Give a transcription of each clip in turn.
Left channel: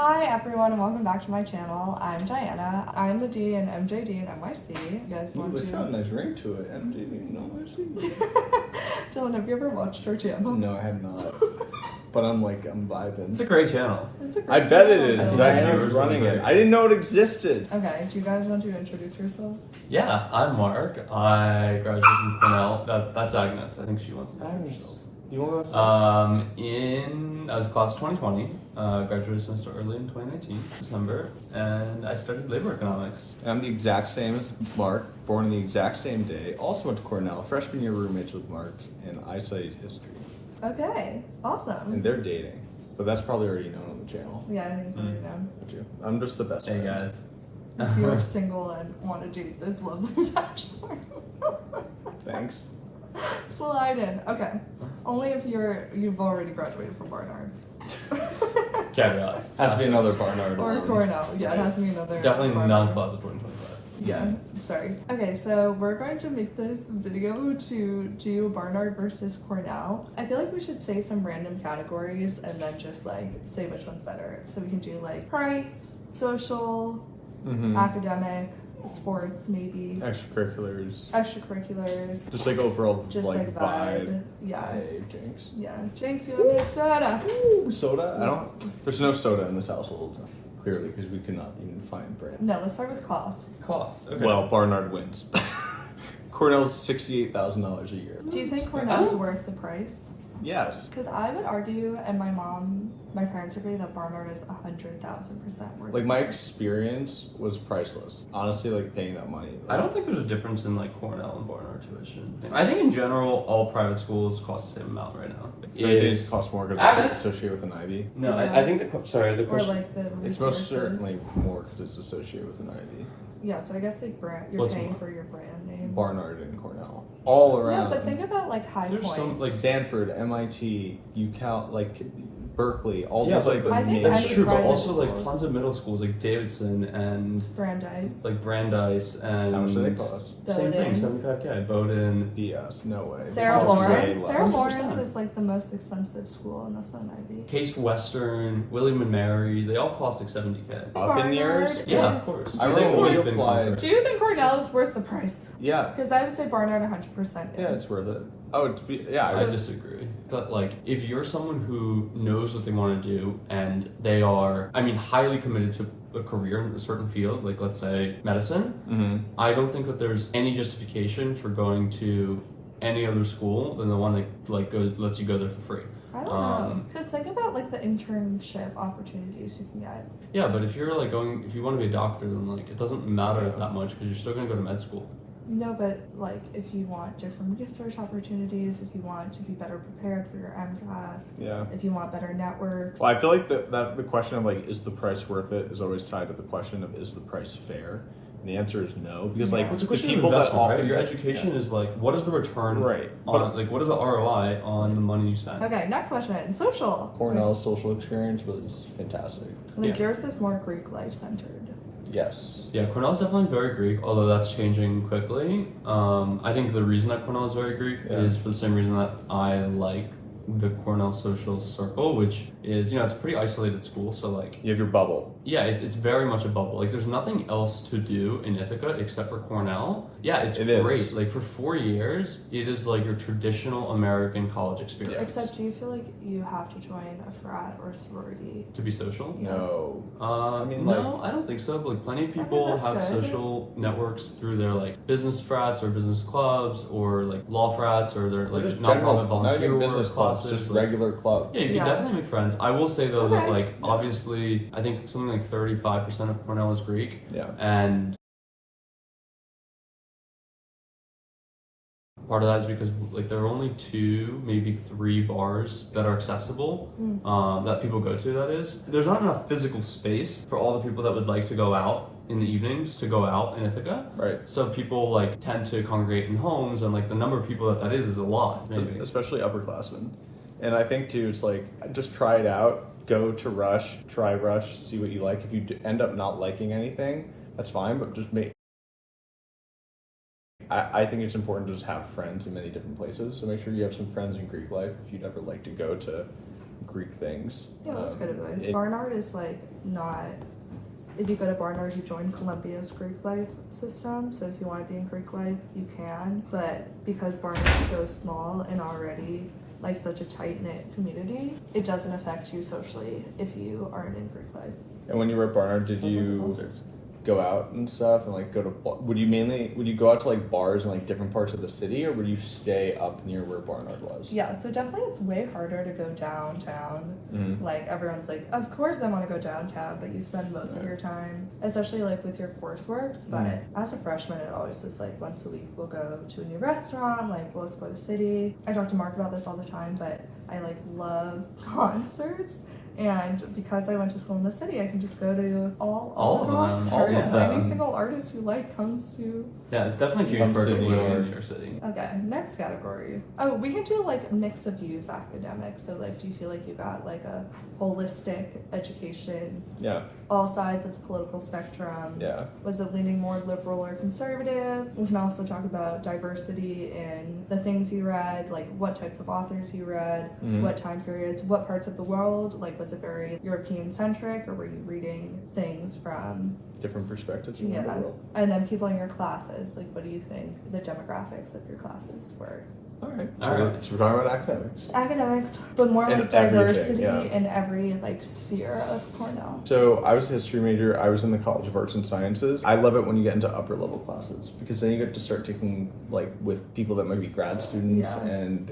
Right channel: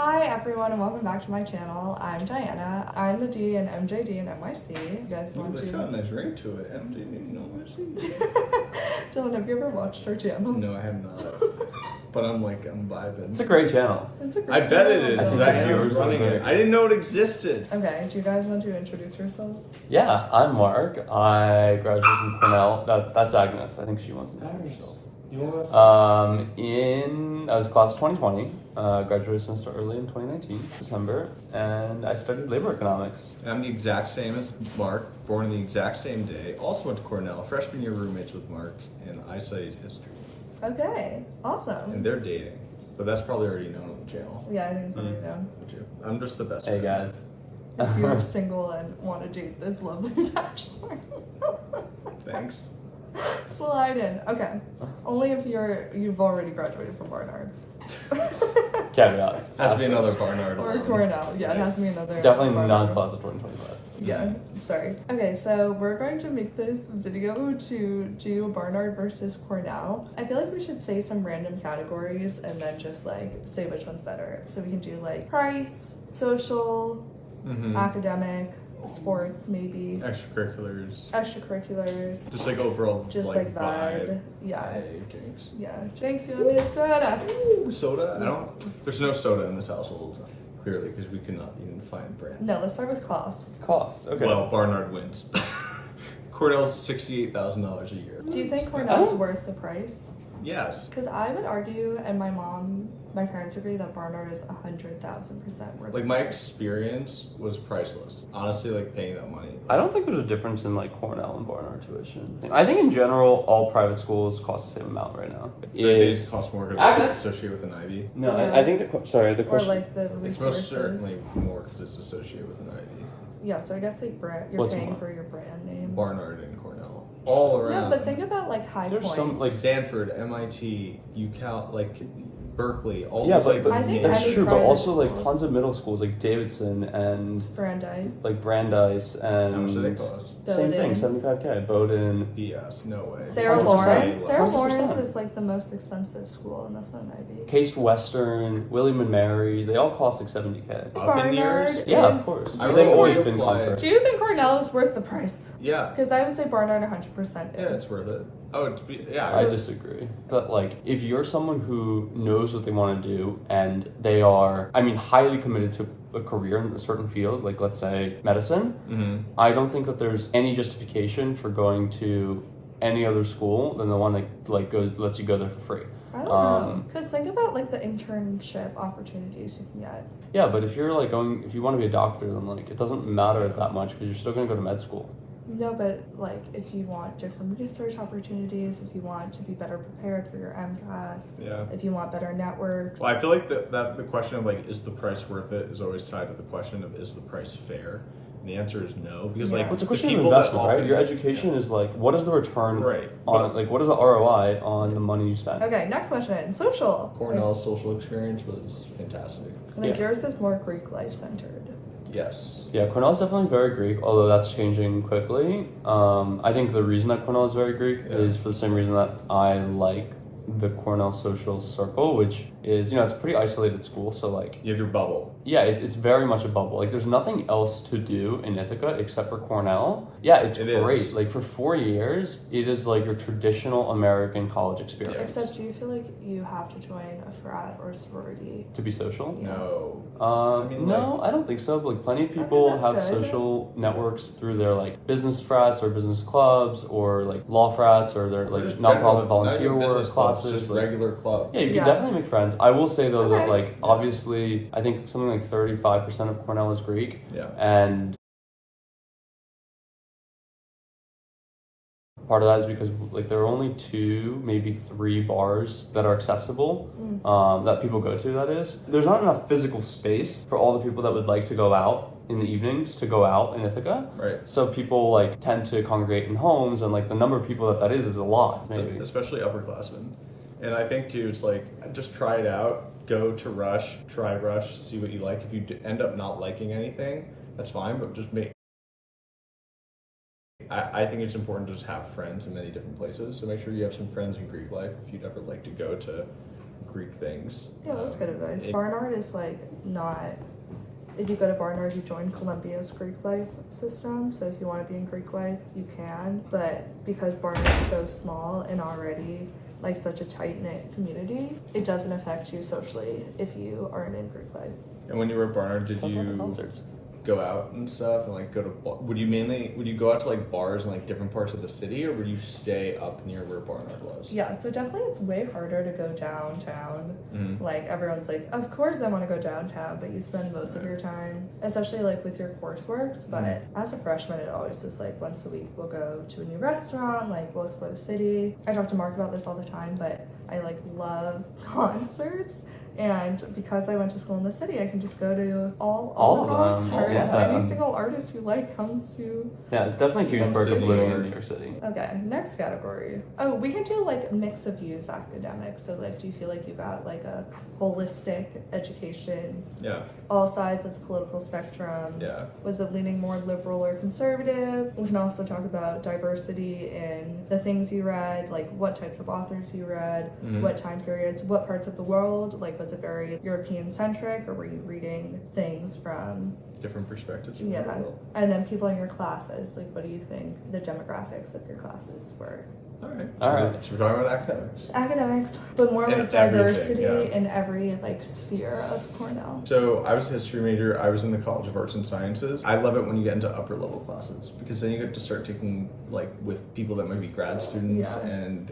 Hi everyone and welcome back to my channel. I'm Diana. I'm the D in MJD and NYC. You guys want to... It's got a nice ring to it. MJD and NYC. Dylan, have you ever watched our channel? No, I have not. But I'm vibing. It's a great channel. It's a great I bet channel, it is. Dylan. Diana's running it. I didn't know it existed. Okay, do you guys want to introduce yourselves? Yeah, I'm Mark. I graduated from Cornell. That's Agnes. I think she wants to introduce herself. You want I was class of 2020, graduated semester early in 2019, December, and I studied labor economics. I'm the exact same as Mark, born on the exact same day. Also went to Cornell, freshman year roommates with Mark, and I studied history. Okay, awesome. And they're dating, but that's probably already known on the channel. Yeah, I think it's already known. I'm just the best. Hey friend. guys. If you're single and want to date this lovely bachelor. Thanks. Slide in. Okay. Only if you've already graduated from Barnard. Caveat. Has to be another Barnard. Or Cornell. Yeah, it has to be another. Definitely Barnard. non-class of 2025. Yeah, sorry. Okay, so we're going to make this video to do Barnard versus Cornell. I feel like we should say some random categories and then just like say which one's better. So we can do like price, social, academic, sports maybe, extracurriculars, just like overall, just like vibe. Yeah. Hey, Jinx. Yeah. Jinx, you owe me a soda. Ooh, soda? There's no soda in this household. Clearly, because we could not even find brand. No, let's start with cost. Cost. Okay. Well, Barnard wins. Cornell's $68,000 a year. Do you think Cornell's worth the price? Yes. Because I would argue, and my parents agree, that Barnard is 100,000% worth. Like my experience was priceless. Honestly, like paying that money. I don't think there's a difference in like Cornell and Barnard tuition. I think in general, all private schools cost the same amount right now. They cost more because it's associated with an Ivy. No, Yeah. I think the question. Or like the It's resources. most certainly more because it's associated with an Ivy. Yeah, so I guess like brand, you're What's paying more? for your brand name. Barnard and Cornell. All around. No, but think about like High There's Point. some like Stanford, MIT, UCal, like Berkeley, all yeah, those but like the I think main- that's any true. But private also like schools- tons of middle schools like Davidson and Brandeis. like Brandeis and How much do they cost? same thing, Bowdoin. 75K. Bowdoin. Yes, no way. Sarah 100%. Lawrence. Sarah 100%. Lawrence is like the most expensive school, and that's not an Ivy. Case Western, William and Mary, they all cost like 70K. Up in years? Barnard Yeah, is... of course. I They've remember always we been applied. compared. Do you think Cornell is worth the price? Yeah. Because I would say Barnard 100% Yeah, is. it's worth it. Oh, yeah. I disagree. But like, if you're someone who knows what they want to do and they are, I mean, highly committed to a career in a certain field, like let's say medicine, I don't think that there's any justification for going to any other school than the one that like lets you go there for free. I don't know. Because think about like the internship opportunities you can get. Yeah, but if you're like if you want to be a doctor, then like it doesn't matter that much because you're still going to go to med school. No, but like if you want different research opportunities, if you want to be better prepared for your MCATs, Yeah. if you want better networks. Well, I feel like that the question of like, is the price worth it is always tied to the question of, is the price fair? And the answer is no, because like, Yeah. It's a the question of people that investment, right? often- Your education is like, what is the return Right. on, like, what is the ROI on the money you spend? Okay, next question. Social. Cornell's social experience was fantastic. Like Yeah. yours is more Greek life centered. Yes. Yeah, Cornell's definitely very Greek, although that's changing quickly. I think the reason that Cornell is very Greek is for the same reason that I like the Cornell social circle, which is, it's a pretty isolated school, so like, You have your bubble. yeah, it's very much a bubble. Like, there's nothing else to do in Ithaca except for Cornell. Yeah, it's It is. great. Like, for 4 years, it is like your traditional American college experience. Except do you feel like you have to join a frat or a sorority? To be social? Yeah. No. No, I don't think so. But like, plenty of people that's have good. social networks through their like business frats or business clubs or like law frats or their like Just nonprofit general- not volunteer even work business clubs, classes. just like- regular club. Yeah, you Yeah. can definitely make friends. I will say though that Okay. like obviously I think something like 35% of Cornell is Greek, Yeah. and part of that is because like there are only 2, maybe 3 bars that are accessible that people go to. That is, there's not enough physical space for all the people that would like to go out in the evenings to go out in Ithaca. Right. So people like tend to congregate in homes, and like the number of people that is a lot, maybe. Especially upperclassmen. And I think too, it's like, just try it out. Go to Rush, try Rush, see what you like. If you end up not liking anything, that's fine, but just make. I think it's important to just have friends in many different places. So make sure you have some friends in Greek life if you'd ever like to go to Greek things. things. Yeah, that's good advice. It- Barnard is like not. If you go to Barnard, you join Columbia's Greek life system. So if you want to be in Greek life, you can. But because Barnard's so small and already like such a tight knit community, it doesn't affect you socially if you aren't in Greek life. And when you were at Barnard, did Talk about the you concerts. go out and stuff and like go to would you go out to like bars in like different parts of the city, or would you stay up near where Barnard was? Yeah, so definitely it's way harder to go downtown. Like everyone's like, of course I want to go downtown, but you spend most of your time, especially like with your courseworks. But as a freshman, it always just like once a week we'll go to a new restaurant, like we'll explore the city. I talk to Mark about this all the time, but I like love concerts. And because I went to school in the city, I can just go to all All the of them, all of concerts. them. Any single artist you like comes to. Yeah, it's definitely a huge Come part of city. living in New York City. Okay, next category. Oh, we can do like mix of views academics. So like, do you feel like you got like a holistic education, Yeah. all sides of the political spectrum? Yeah. Was it leaning more liberal or conservative? We can also talk about diversity in the things you read, like what types of authors you read, what time periods, what parts of the world. Like, was it very European centric, or were you reading things from Different perspectives from yeah? the world. And then people in your classes, like, what do you think the demographics of your classes were? All right. All right. So we're talking about academics. Academics, but more In like diversity everything, yeah. in every like sphere of Cornell. So I was a history major. I was in the College of Arts and Sciences. I love it when you get into upper level classes, because then you get to start taking like with people that might be grad students, Yeah. and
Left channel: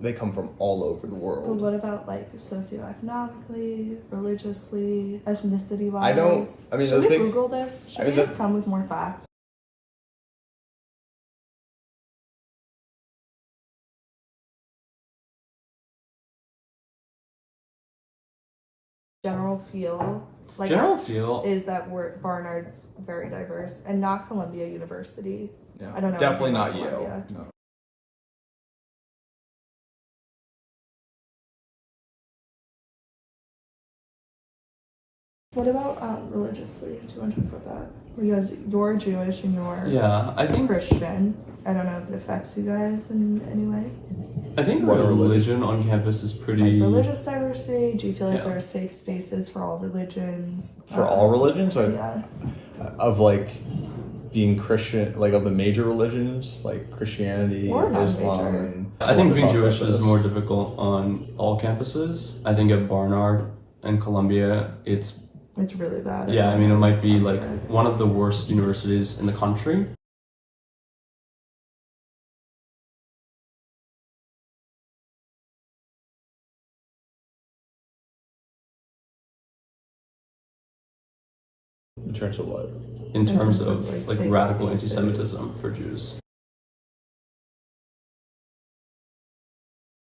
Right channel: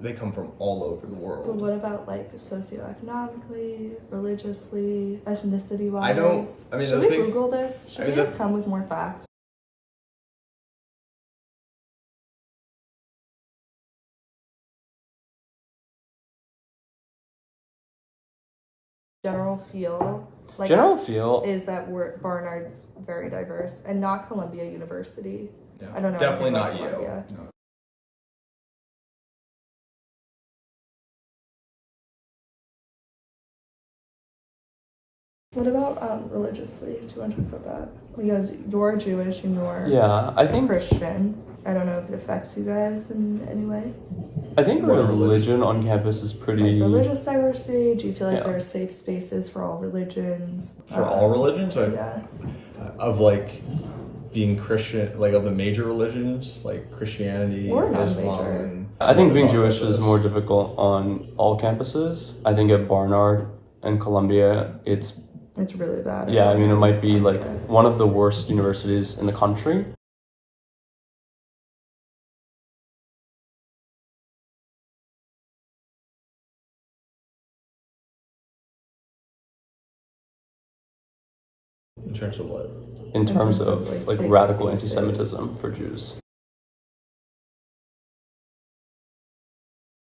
they come from all over the But world. what about like socioeconomically, religiously, ethnicity wise? I don't- I mean, should the we thing- Google this? Should I we mean, have come with more facts? General feel like General feel. is that Barnard's very diverse, and not Columbia University. Yeah. I don't know Definitely anything not about Yale. Columbia. No. What about religiously? Do you want to talk about that? Because you're Jewish and you're Yeah, I think Christian. I don't know if it affects you guys in any way. What religion on campus is pretty. Like religious diversity. Do you feel like Yeah. there are safe spaces for all religions? For all religions, or Yeah. of like being Christian, like of the major religions, like Christianity, Or non-major. Islam. I think being Talk about Jewish is this. more difficult on all campuses. I think at Barnard and Columbia, it's It's really bad. yeah. I mean, it might be like Okay. one of the worst universities in the country. In terms of what? In terms of like, like safe radical spaces. anti-Semitism for Jews.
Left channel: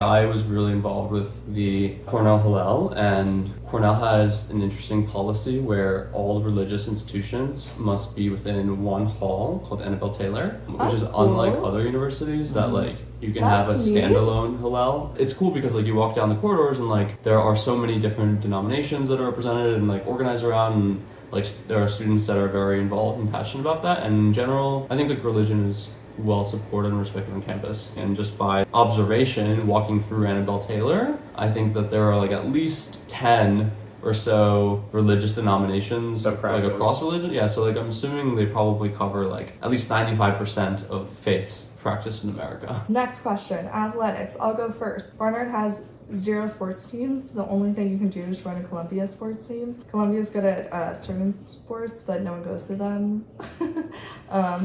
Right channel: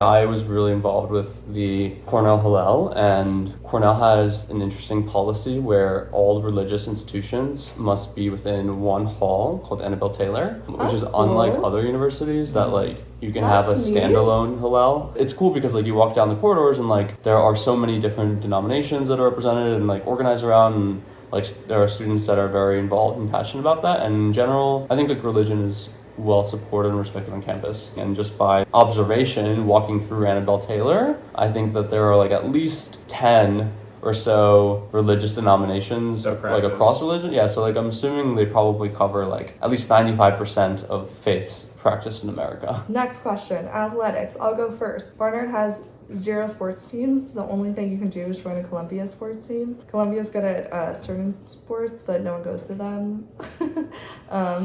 I was really involved with the Cornell Hillel, and Cornell has an interesting policy where all religious institutions must be within one hall called Annabelle Taylor, which That's is unlike cool. other universities that like you can have a That's neat. standalone Hillel. It's cool because like you walk down the corridors and like there are so many different denominations that are represented and like organized around, and like there are students that are very involved and passionate about that. And in general, I think like religion is well supported and respected on campus. And just by observation, walking through Annabelle Taylor, I think that there are like at least 10 or so religious denominations That like practice. across religion. Yeah, so like I'm assuming they probably cover like at least 95% of faiths practiced in America. Next question, athletics. I'll go first. Barnard has 0 sports teams. The only thing you can do is join a Columbia sports team. Columbia's good at certain sports, but no one goes to them.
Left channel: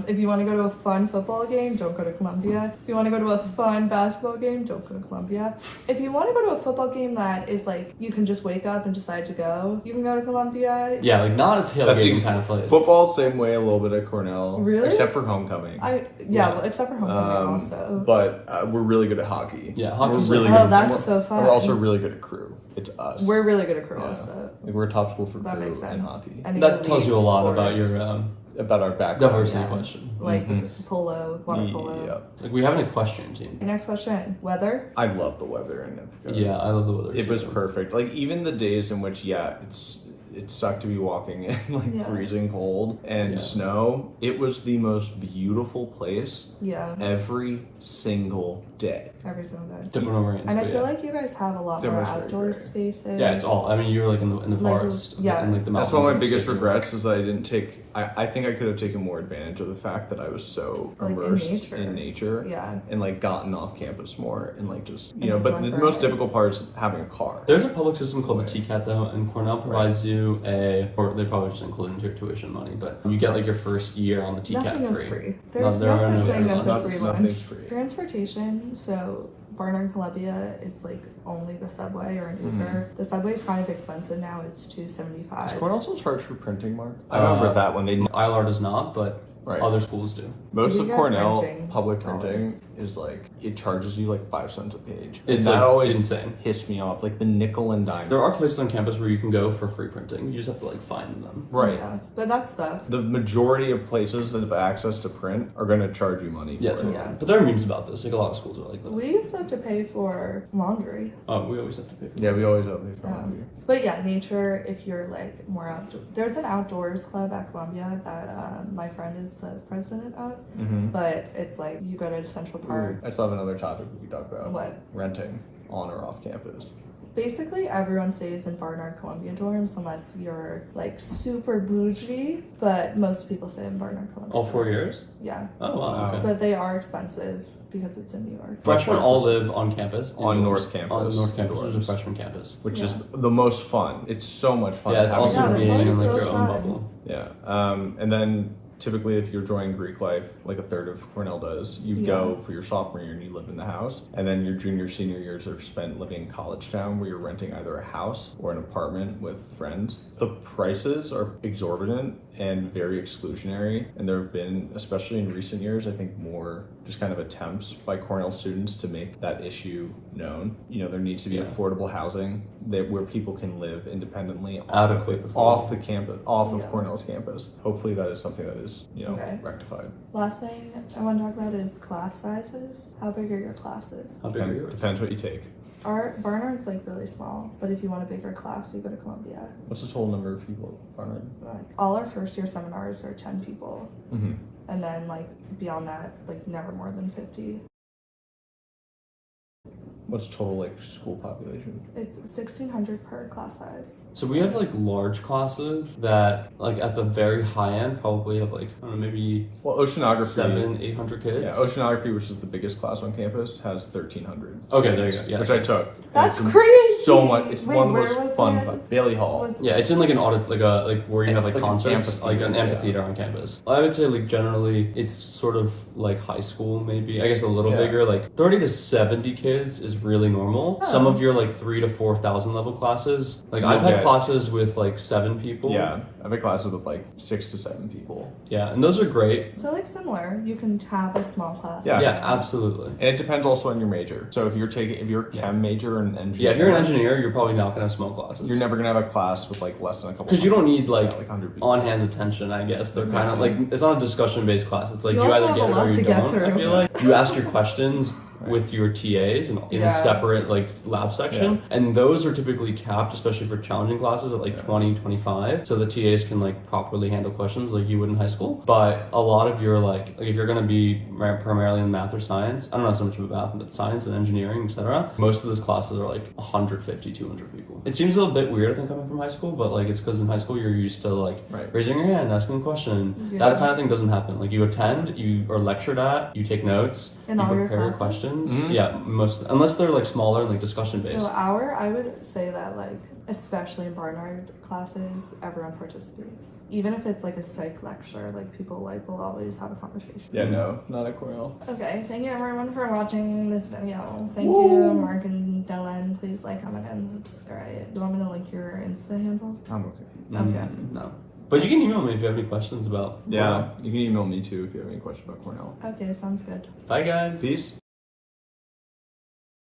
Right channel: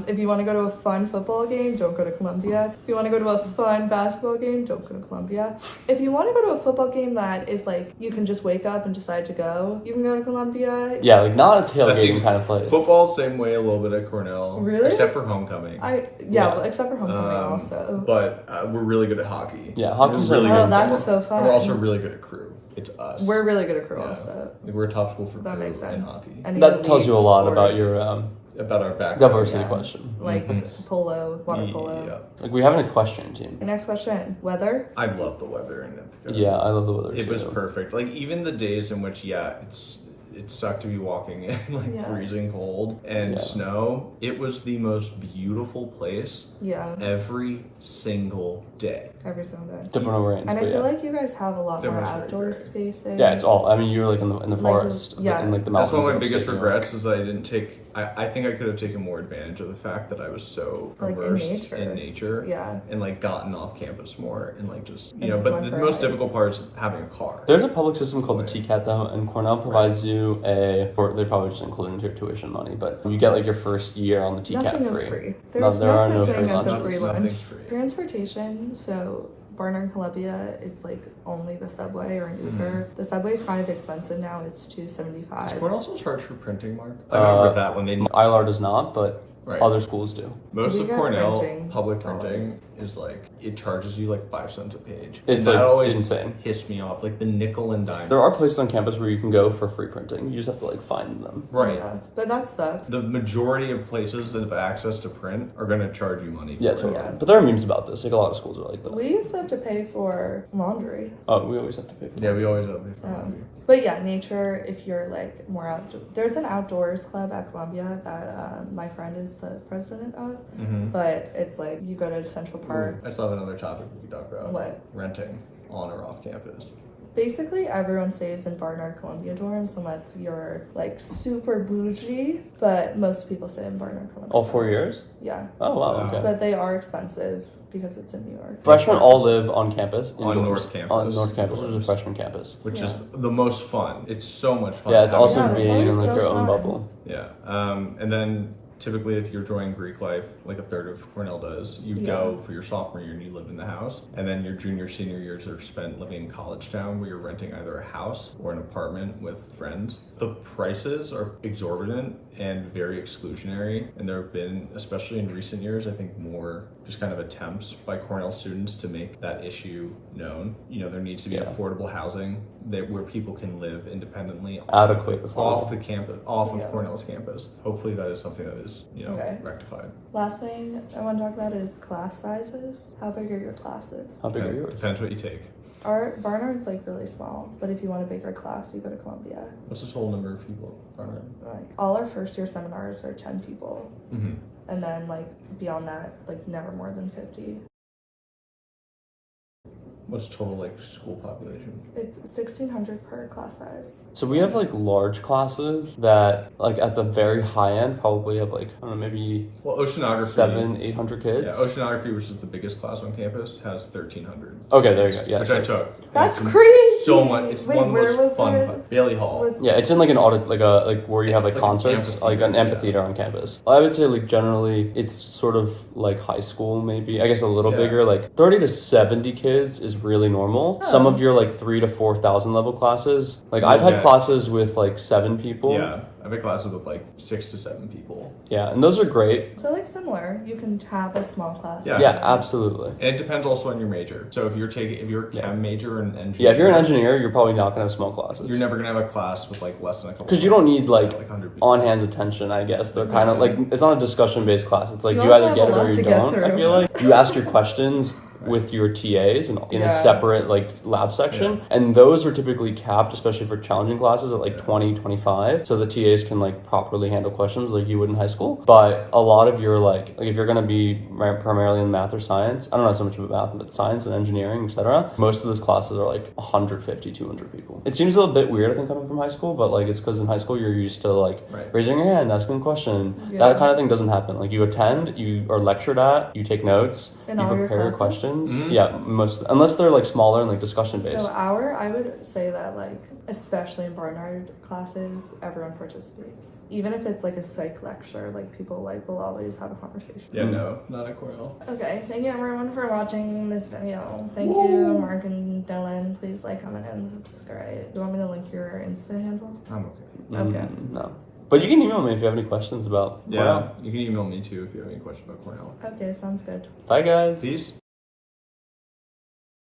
If you want to go to a fun football game, don't go to Columbia. If you want to go to a fun basketball game, don't go to Columbia. If you want to go to a football game that is like you can just wake up and decide to go, you can go to Columbia. Yeah, like not a That tailgating seems- kind of place. Football, same way a little bit at Cornell. Really? Except for homecoming. Yeah. Well, except for homecoming also. But we're really good at hockey. Yeah, hockey's We're really like- Oh, good. that's We're- so fun. and We're also really good at crew. It's us. We're really good at crew Yeah. also. Like we're a top school for That crew makes in sense. hockey. Any That tells you a elite lot about sports. your About our background. diversity Yeah. question. Like polo, water polo. Yeah. Like we have an equestrian team. Next question, weather. I love the weather in Ithaca. Yeah, I love the weather It too. was perfect. Like even the days in which, yeah, it sucked to be walking in like Yeah. freezing cold and Yeah. snow. It was the most beautiful place Yeah, every single day. every single day. Different overhangs. And I but feel yeah. like you guys have a lot That more was very outdoor great. spaces. Yeah, it's all. I mean, you're like in the Like, forest, yeah. in like the That's mountains. one of my and biggest shit, regrets is that I didn't take. I think I could have taken more advantage of the fact that I was so Like, in immersed nature. nature. Yeah. And like gotten off campus more and like just And, like, But went the for a most hike. difficult part is having a car. There's a public system called the TCAT though, and Cornell provides you or they probably just include into your tuition money, but you get like your first year on the TCAT Nothing free. is free. No, There's there no are such no thing free as a lunches. free Nothing's lunch. free. Transportation, so Barnard, Columbia, it's like only the subway or an Uber. The subway is kind of expensive now. It's Does $2.75. Cornell still charge for printing, Mark? I remember that when they ILR does not, but Right. other schools do. most We of get Cornell printing public dollars. printing is like it charges you like 5 cents a page. It's and that like always insane. pissed me off, like the nickel and dime. There are places on campus where you can go for free printing. You just have to like find them. Right. Yeah, but that sucks. The majority of places that have access to print are going to charge you money for Yeah, it. totally. Yeah. But there are memes about this. Like a lot of schools are like that. We used to have to pay for laundry. Oh, we always have to pay for that. Yeah, we always have to pay for laundry. But yeah, nature, if you're like more outdoor. There's an outdoors club at Columbia that my friend is the president of. But it's like you go to Central Park. I still have another topic we could talk about. What? Renting on or off campus. Basically, everyone stays in Barnard Columbia dorms unless you're like super bougie. But most people stay in Barnard Columbia. All 4 dorms. years? Yeah, Oh wow. Okay. but they are expensive because it's in New York. Freshmen all live on campus. On indoors. North Campus, On North Campus, which is a indoors. freshman campus. Which Yeah. is the most fun. It's so much fun. Yeah, it's having- also Yeah, being that's in like always your so own fun. bubble. Yeah. And then typically if you're joining Greek life, like a third of Cornell does, you Yeah. go for your sophomore year and you live in the house. And then your junior, senior years are spent living in college town where you're renting either a house or an apartment with friends. The prices are exorbitant and very exclusionary. And there have been, especially in recent years, I think more just kind of attempts by Cornell students to make that issue known. There needs to be Yeah. affordable housing where people can live independently Adequate off the campus, off Yeah. of Cornell's campus. Hopefully that is something that is, Okay. rectified. Last thing I want to talk about is class sizes. How big are your classes? How big are yours? Depends what you take. Our Barnard's like really small, but if you want a bigger class, you go to Columbia. What's the total number of people, Barnard? Like all our first year seminars are 10 people, Mm-hmm. and then like beyond that, like never more than 50. What's total like school population? It's 1,600 per class size. So we have like large classes that like at the very high end probably have like I don't know maybe Well, oceanography. 800 kids. Yeah, oceanography, which is the biggest class on campus, has 1,300. Okay, there you go. Yeah, which so- I took. That's It's crazy! So much. It's Wait, one of the where most was fun. it? Bailey Hall. Was- Yeah, it's in like an audit, like where you have like Like an concerts, like an amphitheater, amphitheater on campus. I would say like generally it's sort of like high school, maybe I guess a little Yeah. bigger. Like 30 to 70 kids is really normal. Oh. Some of your like 3,000 to 4,000 level classes, like I've had Okay. classes with like 7 people. Yeah, I've had classes with like 6 to 7 people. Yeah, and those are great. So like similar, you can have a small class. Yeah. Yeah, absolutely. And it depends also on your major. So if you're a chem major and engineer, Yeah, if you're an engineer, you're probably not gonna have small classes. you're never gonna have a class with like less than a couple. Because you don't need like, 100 people. on hands attention, I guess. They're kind of like it's not a discussion based class. It's like You you, also either have get a it lot or you to get don't. I through. feel like you ask your questions with your TAs and in a Yeah. separate like lab section, Yeah. and those are typically capped, especially for challenging classes, at like 20, 25, so the TAs can like properly handle questions like you would in high school. But a lot of your like if you're gonna be primarily in math or science, I don't know so much about math, but science and engineering, etc. Most of those classes are like 150, 200 people. It seems a little bit weird, I think, coming from high school, but like it's because in high school you're used to like Right. raising your hand, asking a question. Yeah. That kind of thing doesn't happen. Like you attend, you are lectured at, you take notes, In you all your prepare classes? questions. Mhm. Yeah, most unless they're like smaller and like discussion based. So I would say that like, especially in Barnard classes, everyone participates. Even if it's like a psych lecture, like people like will always have a conversation. Yeah, no, not at Cornell. Okay, thank you everyone for watching this video. Thank you, Mark and Dylan. Please like, comment, and subscribe. Do you want me to link your Insta handles? I'm okay. Okay. No. But you can email me if you have any questions about Yeah, you can email me too if you have any questions about Cornell. Okay, sounds good. Bye guys. Peace.